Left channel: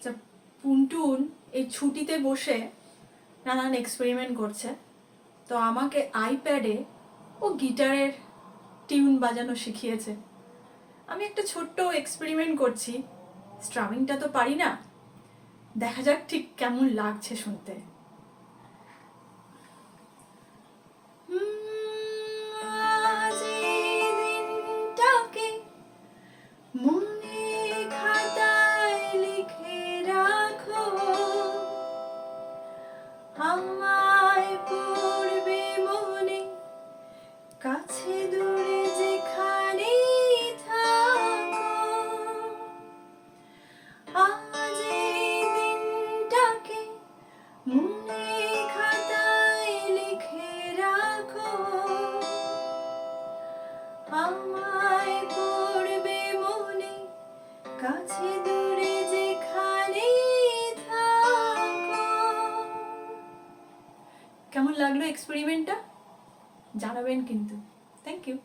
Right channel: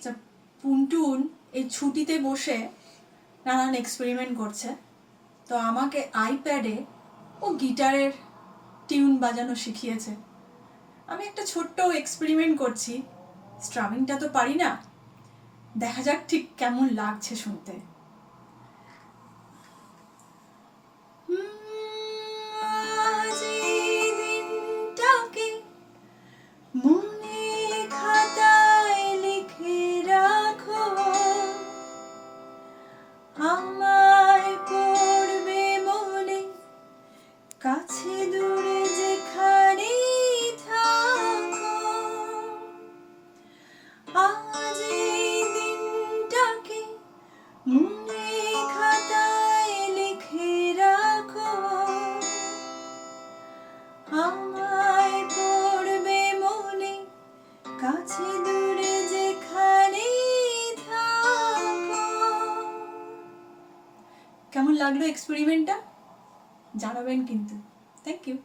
আচ্ছা, পুনটুন এই ছুটিতে বসে নানান এক্সপেরিমেন্ট করছে। তো আমাকে আইপ্যাডে ও গিটারের টিউন বাজানো শিখিয়েছে। আমি একটা ছোট্ট এক্সপেরিমেন্ট করছি, স্ট্রামিংটা তো পারি না, দেখা যাক ঠিক কেমন লাগছে শুনতে। আজ এই দিনটাকে মনে খাতায় লিখে রাখো, আমায় পড়বে মনে, কাছে দূরে যেখানেই থাকো। আজ এই দিনটাকে মনে খাতায় লিখে রাখো, আমায় পড়বে মনে, কাছে দূরে যেখানেই থাকো। কেমন লাগলো এক্সপেরিমেন্টটা জানাবেন কিন্তু। Thank you.